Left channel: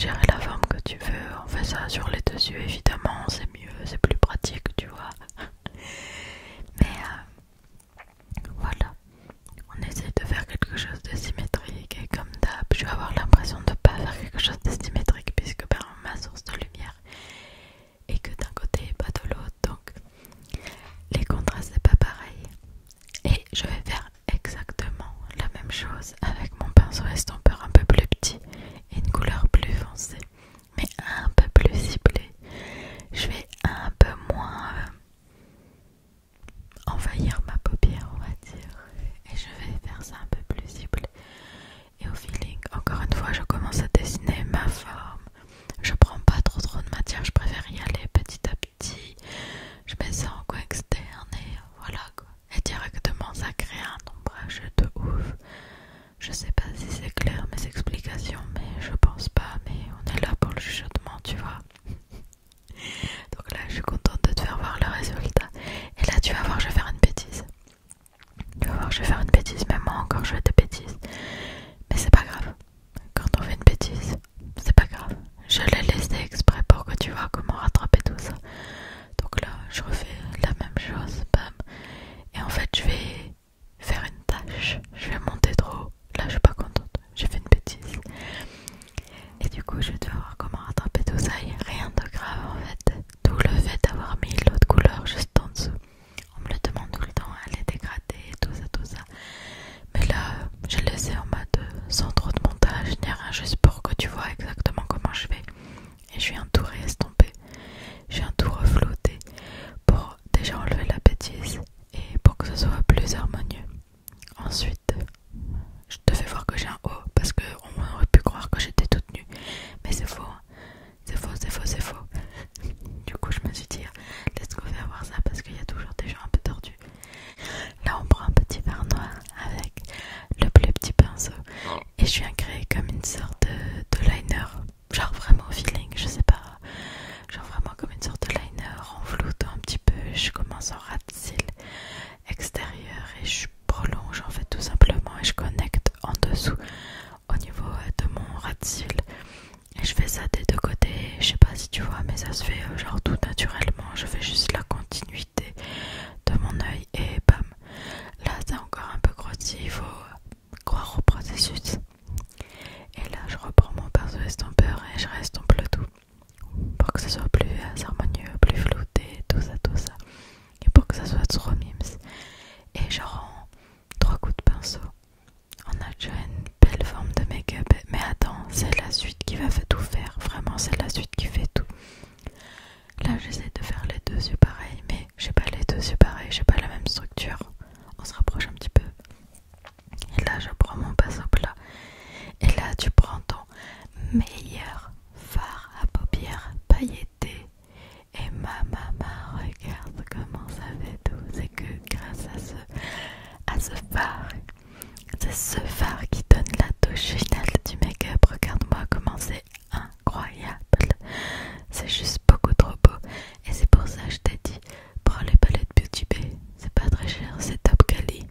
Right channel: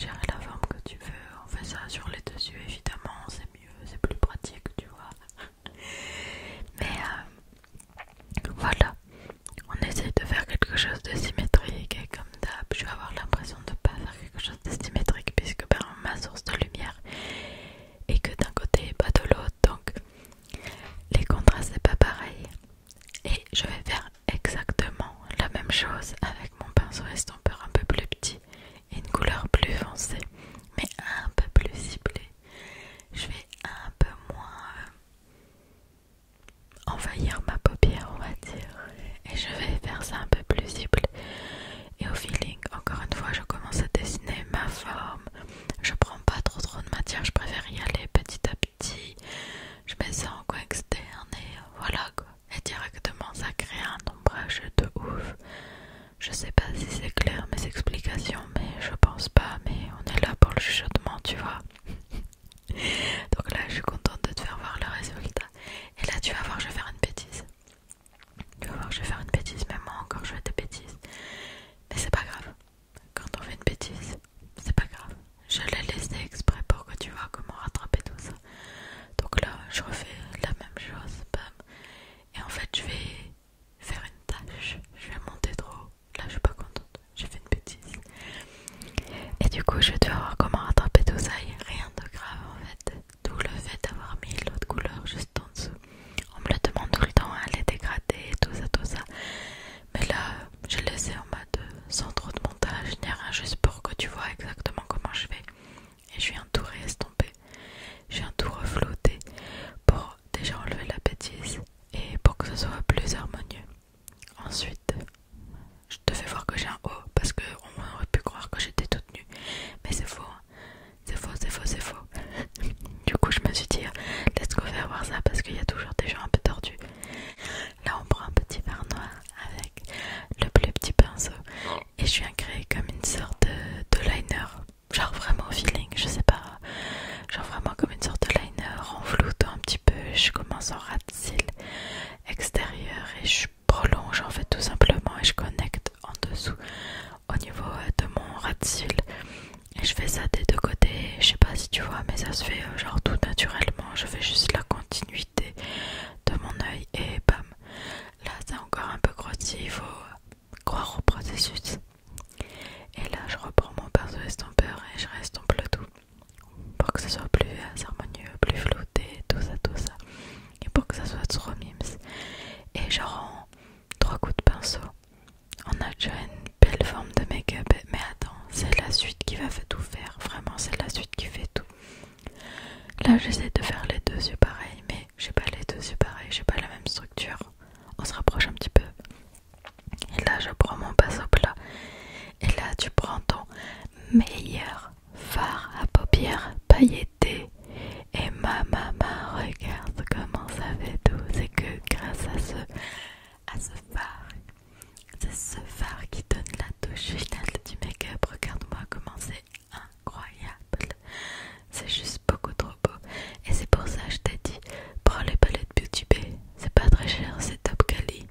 gérer la forme que tu veux. On fait ça sur les dessus évidemment, c'est mieux, c'est plus pratique, tu vois. Mais voilà, on essaie de faire quelque chose de symétrique et comme d'hab, je vais avoir l'impression de ne pas faire quelque chose de symétrique puisque ben, ma source de lumière est que d'un côté et pas de l'autre, donc les contrastes c'est pas pareil. Et je vais faire exactement la même chose avec mon pinceau estompeur un peu plus petit et une couleur plus foncée, mais un peu plus ciblée. Je vais un peu moins envahir ma paupière, on va dire, et je vais faire ça un peu plus ciblé. Et au feeling, encore une fois, je commence à dessiner ma forme. Je prends pas trop de matière, je préfère y aller petit à petit. Je mets ça en coin externe et voilà quoi. Et directement ça crée un ombrage de ouf. Je sais pas si c'est clair mes explications, mais je pense pas, mais on est là pour le chuchotement, tu vois. Donc là je suis contente de te faire voir le résultat. Et là tu vas voir, je vais faire une bêtise. Tu vas voir, je vais faire une bêtise, même moi encore je fais des bêtises. Mais c'est pas grave. Quand on fait une bêtise, c'est pas grave. Je l'ai laissé exprès pour que tu vois comment rattraper tout ça. Donc là, je refais la même chose, bam. Et en fait, je vais faire une tâche. Je vais monter trop haut. Là, je suis pas contente. J'ai fait une bêtise. Et du coup, je vais devoir voir comment rattraper tout ça. Il n'y a rien de grave en fait. Tout le fait d'avoir mis l'autre couleur juste en dessous. On me le demande tout le temps, hein, les dégradés, tout ça. Mais là, j'ai laissé en mode sans trop de montage, ni rien, juste pour que tu vois exactement comment je fais. Et je viens tout réestomper. Je viens tout reflouter pour déjà enlever la bêtise et pour que ce soit plus harmonieux. Ensuite, je te fais voir que j'ai un haut parce qu'on aurait pu croire que j'étais toute nue. Mais c'est faux, hein. C'est faux. Du coup, je me suis dit, let's go faire voir ça parce qu'il y a toujours des gens un peu tordus. Là, on prend un petit verre noir avec le plus petit pinceau et je viens créer comme une sorte de liner. Genre vraiment au feeling, je sais pas. Genre vraiment comme une sorte de liner en floutant un petit peu. Je commence en ras de cils extérieur et je prolonge en fait tout simplement et je connecte en dessous au niveau de mon ras de cils. Et je fais ça des deux côtés, je sais pas si tu vois, mais ça se fait genre tout naturellement. Je fais juste la continuité de mon œil et bam. Là c'est encore un peu grossi, il faut croire au processus. Et là je reprends mon pinceau estompeur et je restompe le tout pour que ce soit plus harmonieux, plus flouté, tout ça. Et pour que ça soit trop mimes. Et genre en 3 coups de pinceau, on a déjà une belle forme de make-up. Mais attends, c'est la suite qui va tout faire. Vraiment, c'est la suite qui fait tout. Là, j'essaie de faire les deux yeux pareils, mais j'ai pas les deux yeux pareils, j'ai pas la même structure. On se rapproche un petit peu. Et là, je prends mon pinceau plat. Et là, tu prends ton meilleur fard à paupières pailleté. Et maman, regarde comment ça fait tout. C'est que grâce à ce fard, c'est ce fard qui donne la touche finale du make-up. Regarde-moi comment c'est incroyable. C'est juste beaucoup trop beau. Et c'est pour ça que je t'ai dit, prends les palettes Beauty Bay. C'est pas très cher, c'est top quali.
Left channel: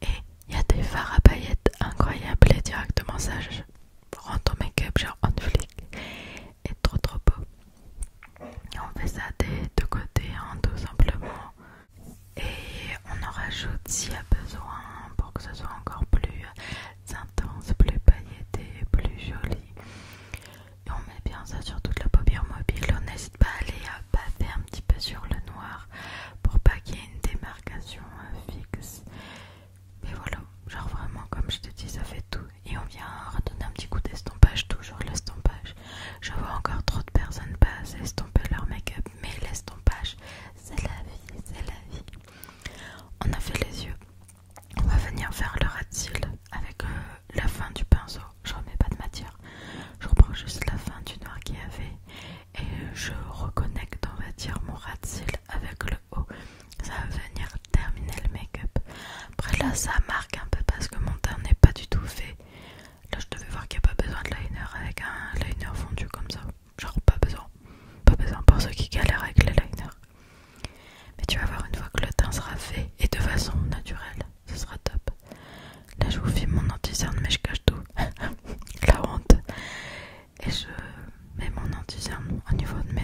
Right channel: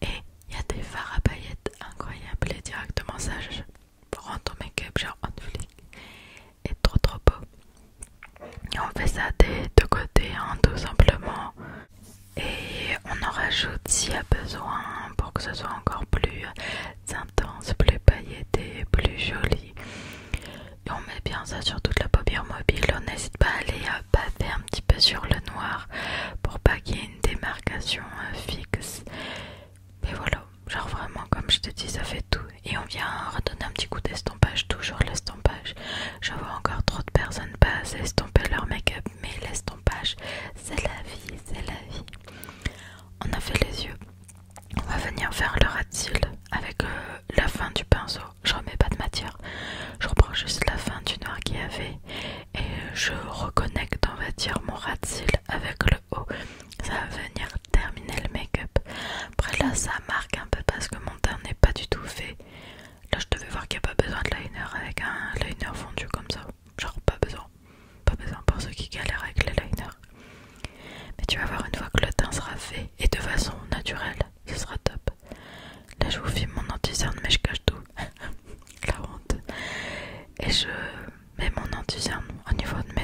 Et il y a des fards à paillettes incroyables. Et directement ça, rend ton make-up genre on flic. Et trop beau.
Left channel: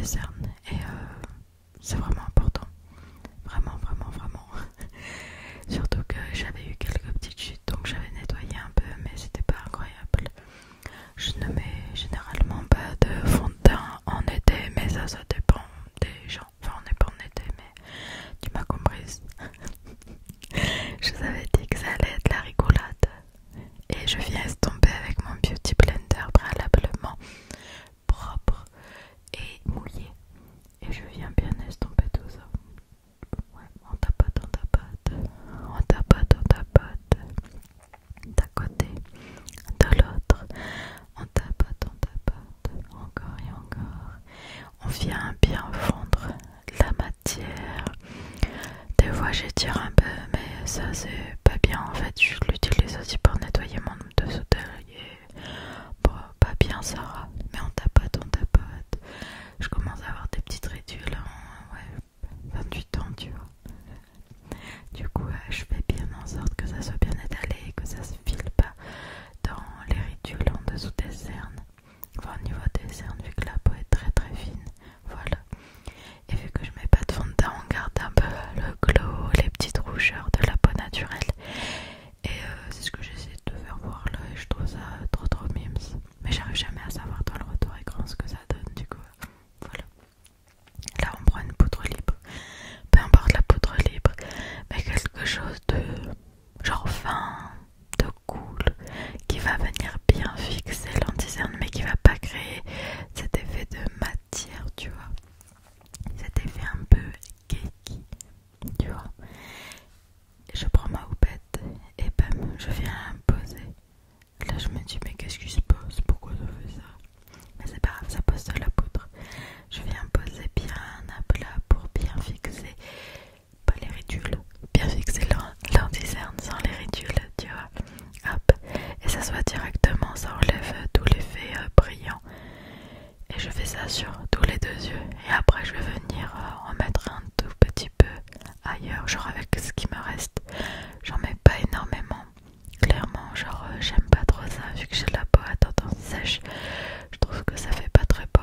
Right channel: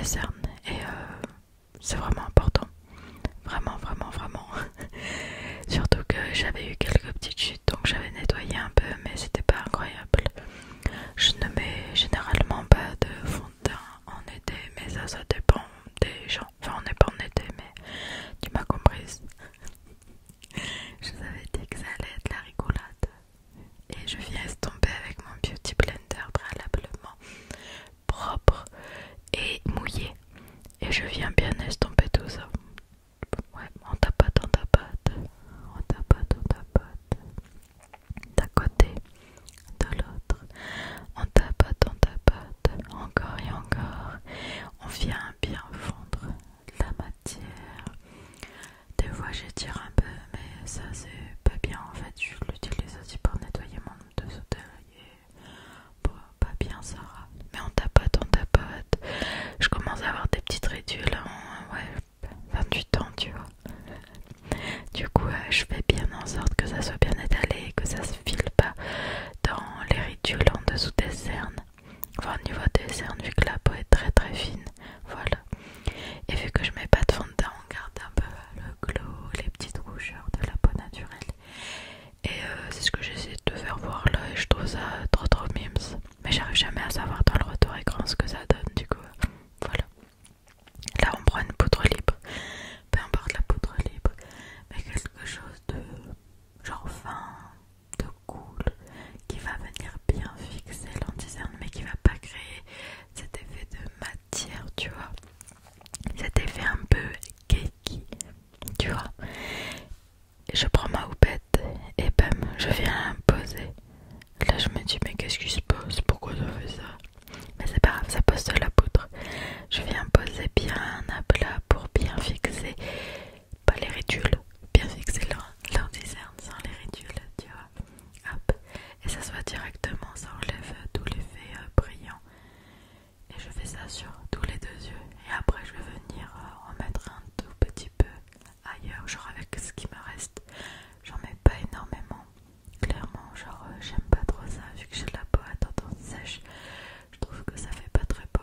cernes et c'est vraiment important. Vraiment, vraiment, vraiment. Surtout que j'avais eu quelques petites chutes, donc j'avais nettoyé un peu, mais c'était pas incroyable. Je ne mets généralement pas de fond de teint en été, mais ça dépend des gens. Enfin, on n'est pas en été, mais tu m'as comprise. Je vous avais dit que ça allait être la rigolade. Et je viens estomper avec mon beauty blender préalablement propre et mouillé. Et je viens bien estomper tout ça. Ouais, on tapote, on tapote, on tapote, on tapote. D'un côté, de l'autre, on tapote, encore et encore. On vient bien fondre la matière. Des fois j'étire un peu, mais ça c'est pas bien en fait. Je l'utilise aussi pour nettoyer mon dessous d'œil. Bon, pas bien ça. Mais on tapote, on tapote. Je commence à avoir des petites ridules. Ouais, 28 ans, tu vois. Du coup, je fais bien en sorte que ça soit bien étalé, que ça se file pas dans les ridules en dessous des cernes. Enfin, au niveau des cernes, vu que la peau est très très fine. Voilà. Et vu que je mets pas de fond de teint, on garde un peu le glow, les petites rougeurs de la peau naturelle. Et c'est ce que j'essaie de faire voir là, et je trouve ça trop trop mimes. Mais j'arrive jamais à savoir dans le retour écran ce que ça donne, du coup. Voilà. Là, on prend une poudre libre. Peu importe la poudre libre, mais quelque chose de genre fin, de cool, qui va venir bien fixer l'anti-cerne, mais qui va pas créer cet effet de matière, tu vois. Cet effet un peu cakey, tu vois. Je prends ma houppette et bam, je viens poser. Là, je me dis, mais qu'est-ce qui se passe? Pourquoi ça fait ça? Mais c'est pas grave, ça pose de la poudre. Je viens poser bien à plat pour bien fixer, pas les ridules, bien fixer l'anti-cerne sans les ridules, tu vois. Hop, et ça se voit directement, ça enlève tout l'effet brillant. Et je fais ça sur tous les deux yeux. Et après, je vais venir en mettre un tout petit peu ailleurs, genre avec ce qui me reste. J'en mets pas énormément. Clairement, genre j'aime pas trop ça vu que j'ai la peau à tendance sèche. Je trouve que ça fait pas très beau.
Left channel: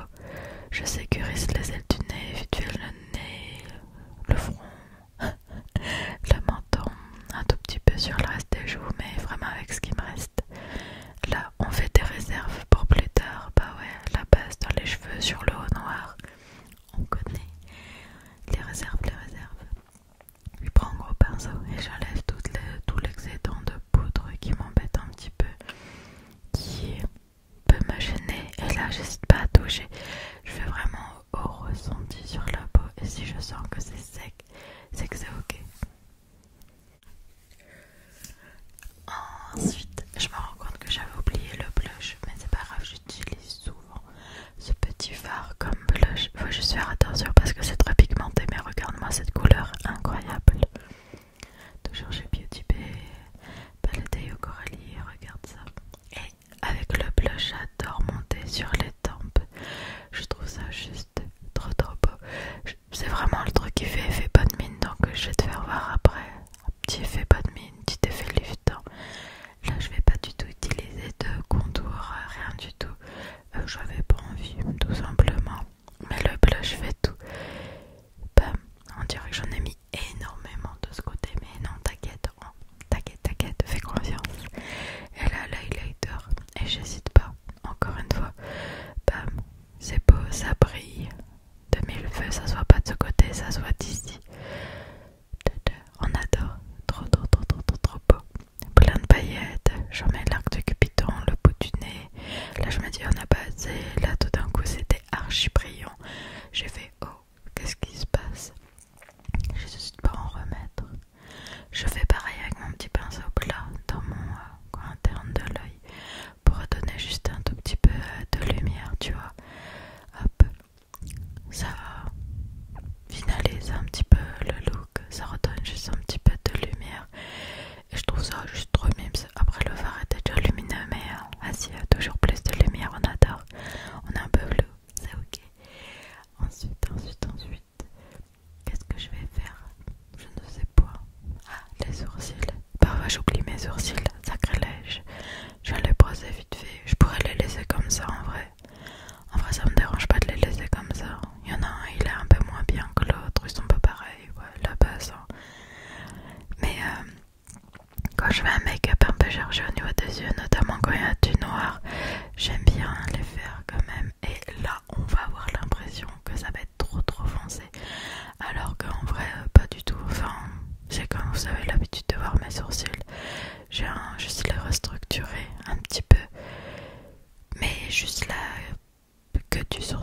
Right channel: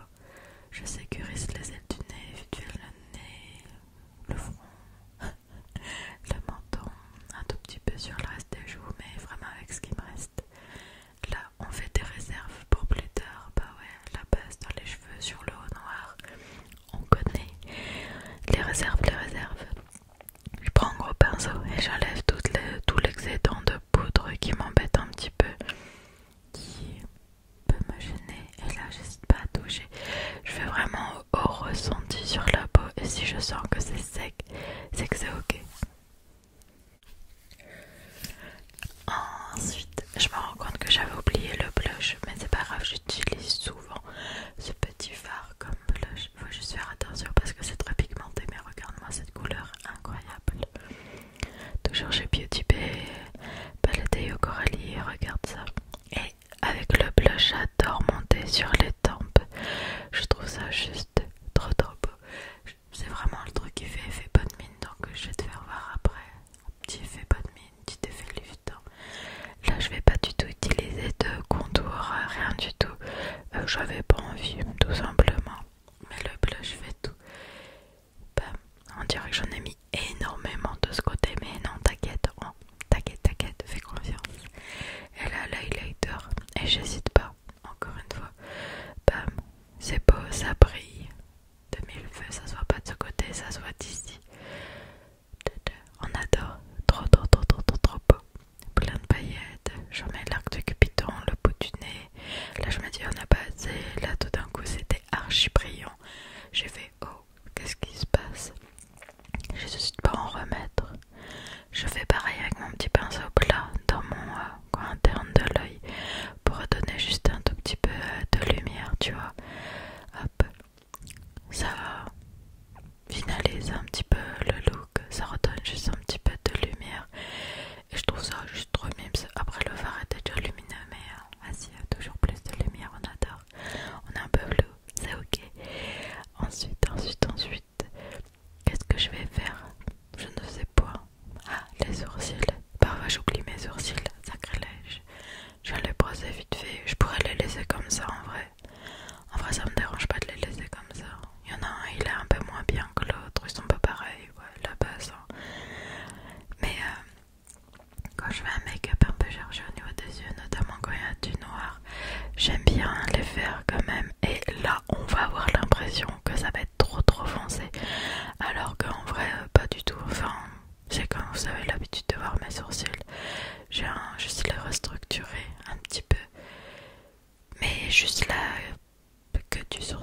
Je sécurise les ailes du nez, vite fait le nez, le front, le menton, un tout petit peu sur le reste des joues, mais vraiment avec ce qui me reste. Là, on fait des réserves pour plus tard. Bah ouais, la base dans les cheveux, sur le haut noir, on connaît. Les réserves, les réserves. Je prends un gros pinceau et j'enlève tout l'excédent de poudre qui m'embête un petit peu, qui peut me gêner. Et là, j'hésite pas à toucher. Je fais vraiment au ressenti sur la peau. Et si je sens que c'est sec, c'est que c'est ok. Ensuite, je me rends compte que j'avais oublié le blush, mais c'est pas grave, j'utilise souvent ce petit fard comme blush. Faut juste faire attention parce que c'est très pigmenté, mais regarde-moi cette couleur incroyable. Toujours chez Beauty Bay, Palette au Coralie, regarde ça. Et avec le blush, j'adore monter sur les tempes. Je trouve ça juste trop trop beau. C'est vraiment le truc qui fait effet bonne mine, donc je vais te faire voir après. Un petit effet bonne mine, petit effet liftant. Là, je vais pas du tout utiliser de contour, rien du tout. J'avais pas envie, tout simplement. Mais le blush fait tout. Bam, on dirait que j'en ai mis énormément de ce côté, mais non, t'inquiète, t'inquiète, fais confiance. Et là, l'highlighter, et j'hésite pas, encore une fois. Bam, c'est beau, ça brille. De mille feux, ça soit pas de ce côté, ça soit d'ici. On adore, trop beau. Plein de paillettes, j'en mets l'arc de Cupidon, le bout du nez. Là je me dis on a pas assez, là tout d'un coup c'était archi brillant. J'ai fait oh, qu'est-ce qui se passe? J'hésite pas à en remettre. Je fais pareil avec mon petit pinceau plat dans mon coin interne de l'œil pour redonner juste un tout petit peu de lumière, tu vois. Hop, ça finalise un petit peu le look, ça redonne juste un petit peu de lumière. Et je trouve ça juste trop mimes. Après le fard était déjà lumineux, mais s'il y a toujours plus de lumière, on adore. On est un peu bleu, c'est ok. Ensuite, qu'est-ce que je vais faire? Je ne sais pas. Ah, les sourcils. Parfois j'oublie mes sourcils, sacrilège. Je vais les brosser vite fait. Je pourrais les laisser comme ça en vrai. En vrai, ça me dérange pas de les laisser comme ça. Il y en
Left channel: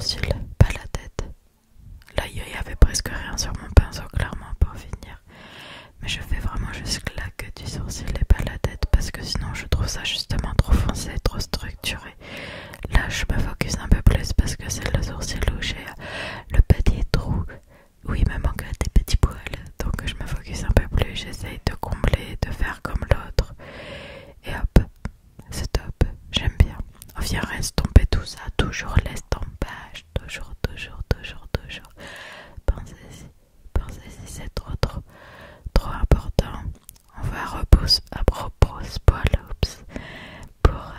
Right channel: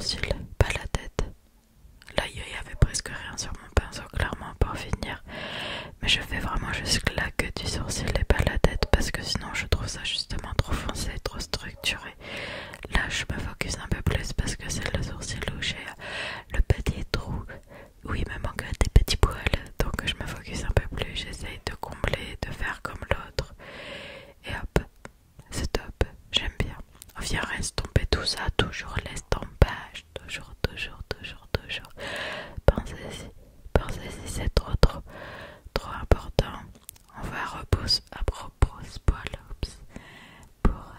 sourcils, pas la tête. Là, il y avait presque rien sur mon pinceau, clairement, pour finir. Mais je fais vraiment juste la queue du sourcil et pas la tête parce que sinon je trouve ça justement trop foncé, trop structuré. Là, je me focus un peu plus parce que c'est le sourcil où j'ai le petit trou où il me manque des petits poils. Donc je me focus un peu plus, j'essaye de combler, de faire comme l'autre. Et hop, c'est top, j'aime bien. On vient estomper tout ça, toujours l'estompage, toujours. Pensez-y, c'est trop important. On va repose-poil, pour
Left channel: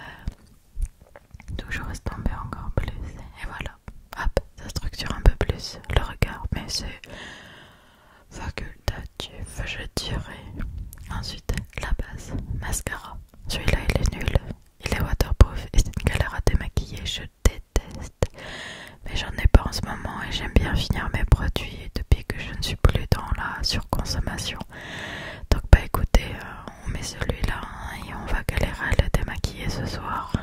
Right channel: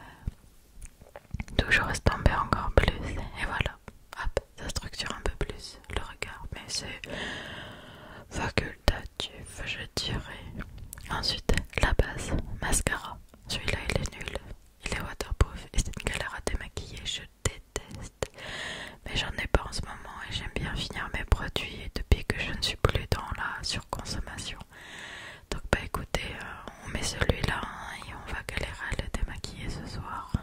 toujours estomper encore plus. Et voilà, hop, ça structure un peu plus le regard, mais c'est facultatif, je dirais. Ensuite, la base, mascara. Celui-là, il est nul. Il est waterproof et c'est une galère à démaquiller, je déteste. Mais j'en ai pas en ce moment et j'aime bien finir mes produits depuis que je ne suis plus dans la surconsommation. Donc bah écoutez, on met celui-là et on va galérer à le démaquiller ce soir.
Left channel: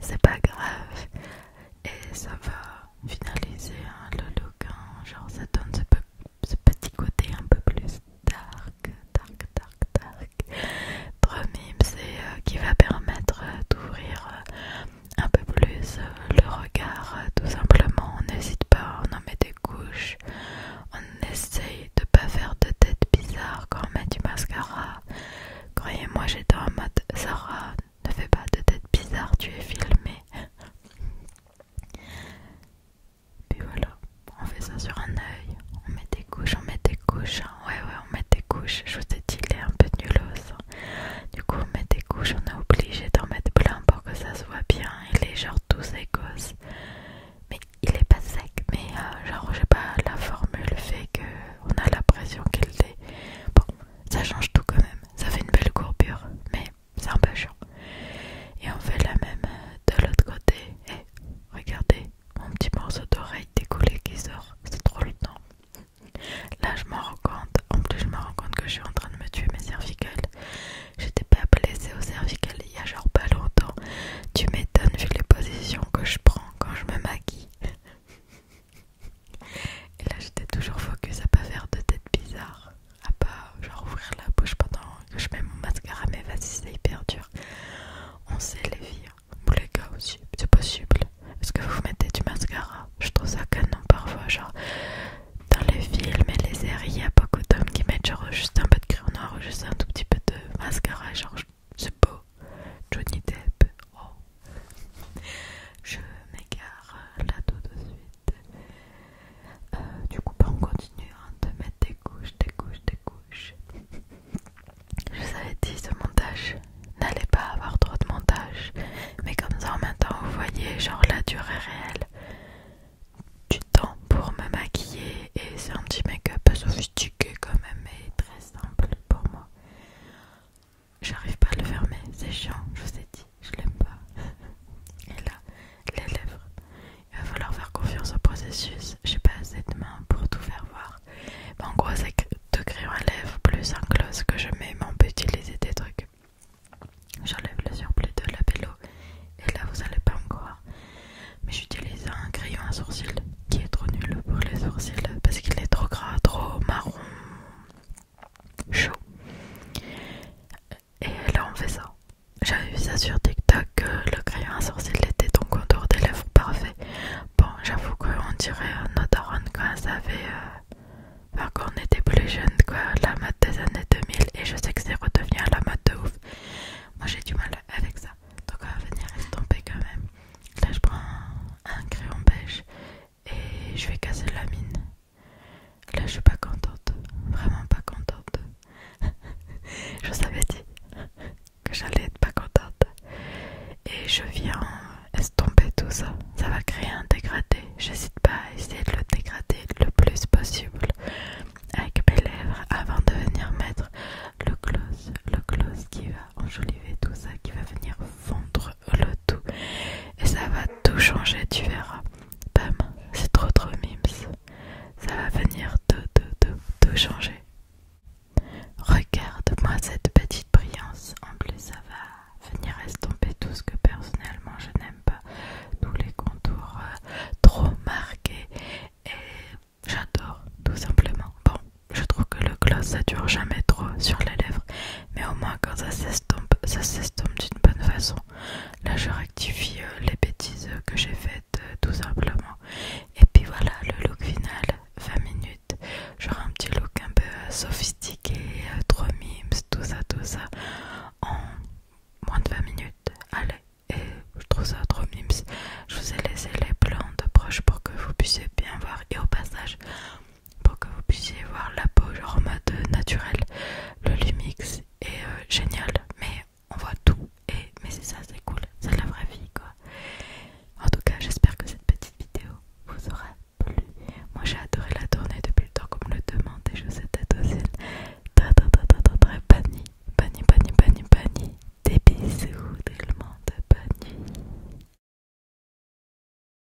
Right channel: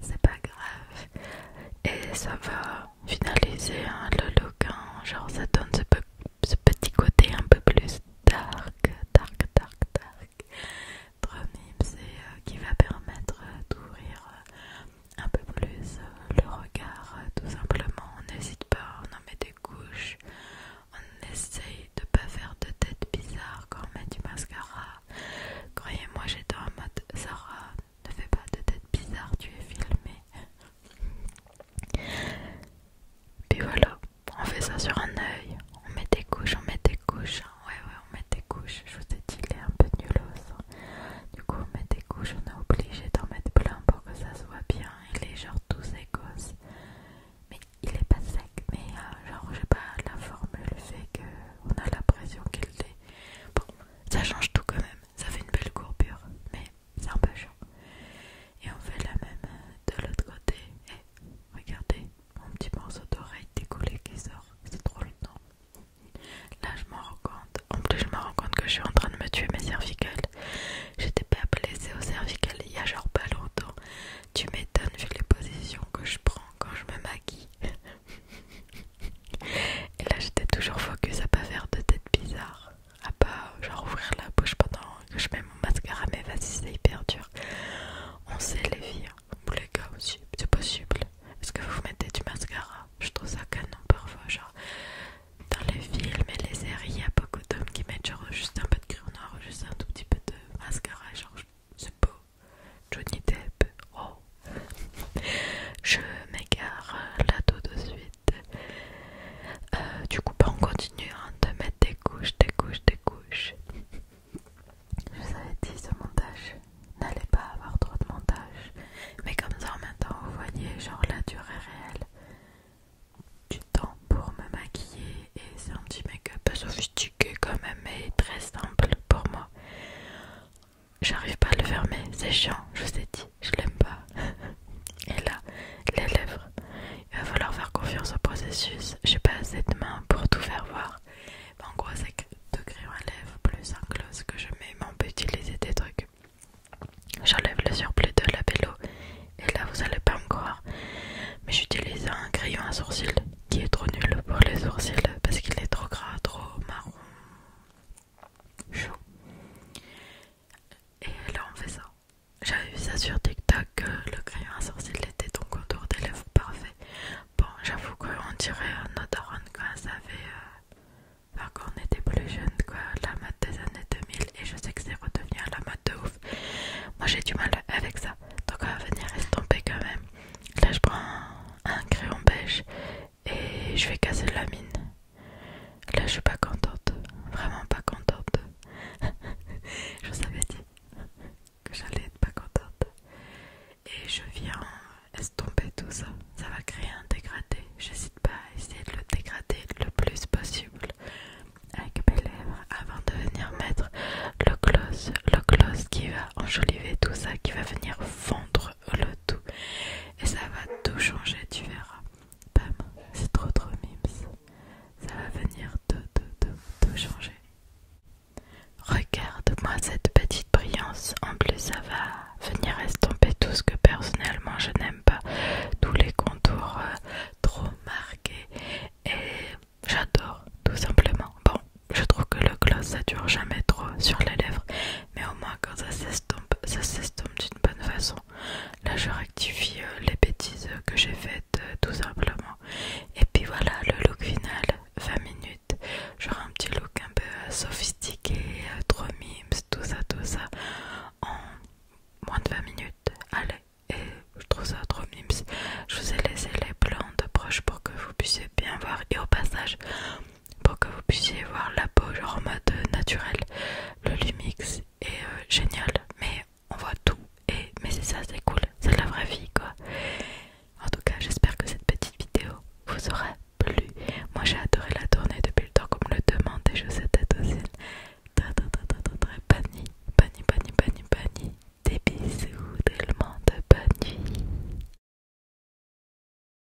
C'est pas grave. Et ça va finaliser le look. Genre ça donne ce petit côté un peu plus dark. Trop mimes et qui va permettre d'ouvrir un peu plus le regard, tout simplement. On n'hésite pas, on en met des couches, on essaye de pas faire de tête bizarre quand on met du mascara. Croyez-moi, j'étais en mode Sarah, ne fais pas de tête bizarre, tu es filmée. Puis voilà, on fait ça sur un œil, on met des couches, ouais, on met des couches. Je vous ai dit, il est un peu nulos. Du coup, on met des couches, on est obligé d'en mettre plein pour que ça se voit bien. Il est genre tout écos. Mais il est pas sec, mais genre, je sais pas, la formule fait qu'on a l'impression qu'il est. Bon, ça change tout quand même. Ça fait une belle courbure, mais c'est un peu chiant. Et on fait la même de l'autre côté. Et regardez, mon petit morceau d'oreille décollé qui sort. C'est trop le temps. Là, je m'en rends compte. En plus, je me rends compte que je suis en train de me tuer mes cervicales. J'étais pas blessée aux cervicales il y a genre pas longtemps. Tu m'étonnes vu les positions que je prends quand je me maquille. Et là, j'étais toujours focus à pas faire de tête bizarre. À pas genre ouvrir la bouche pendant que je mets mon mascara. Mais vas-y, c'est hyper dur. On sait les filles, ou les gars aussi, c'est possible. Est-ce que vous mettez du mascara? Je trouve ça canon parfois, genre dans les films et les séries, il y a beaucoup d'hommes qui mettent genre juste un peu de crayon noir ou juste un tout petit peu de mascara, genre c'est beau. Johnny Depp, oh. Je m'égare là tout de suite. Du coup, bah, on continue de mettre des couches. Je vous avais dit, ce montage n'allait pas avoir trop de montage, mais comme ça en même temps vous voyez genre la durée réelle du temps pour me maquiller et c'est un petit make-up sophistiqué quand même mais très simple pour moi. J'arrive pas à le fermer, c'est chiant, je vous ai dit, je l'aime pas. Et là, les lèvres, il va falloir faire confiance au processus, j'ai pas assez de mains pour tout faire voir. Mais en gros c'est deux crayons à lèvres plus un gloss que je mets, mais on peut utiliser des trucs. J'enlève le surplus de labello et là vous allez pas me croire, mais j'utilise un crayon à sourcils qui est trop nul pour les sourcils parce qu'il est trop gras, trop marron, chaud. Et là on fait ça. J'avais vu ça sur TikTok que le crayon à sourcils était ton contour des lèvres parfait. Bon, j'avoue qu'on dirait nos darons quand elles avaient enfin, quand on était plus jeune, quoi, la mode des années 2000, et je sais que c'est redevenu à la mode de ouf. Moi j'ai du mal avec ça, donc on va venir estomper quand même. Là je prends un crayon beige et je vais casser la mine. Là je suis pas contente, vraiment pas contente. Je vous avais dit que j'allais être pas contente. Et je viens estomper tout ça, ça va créer un dégradé, j'hésite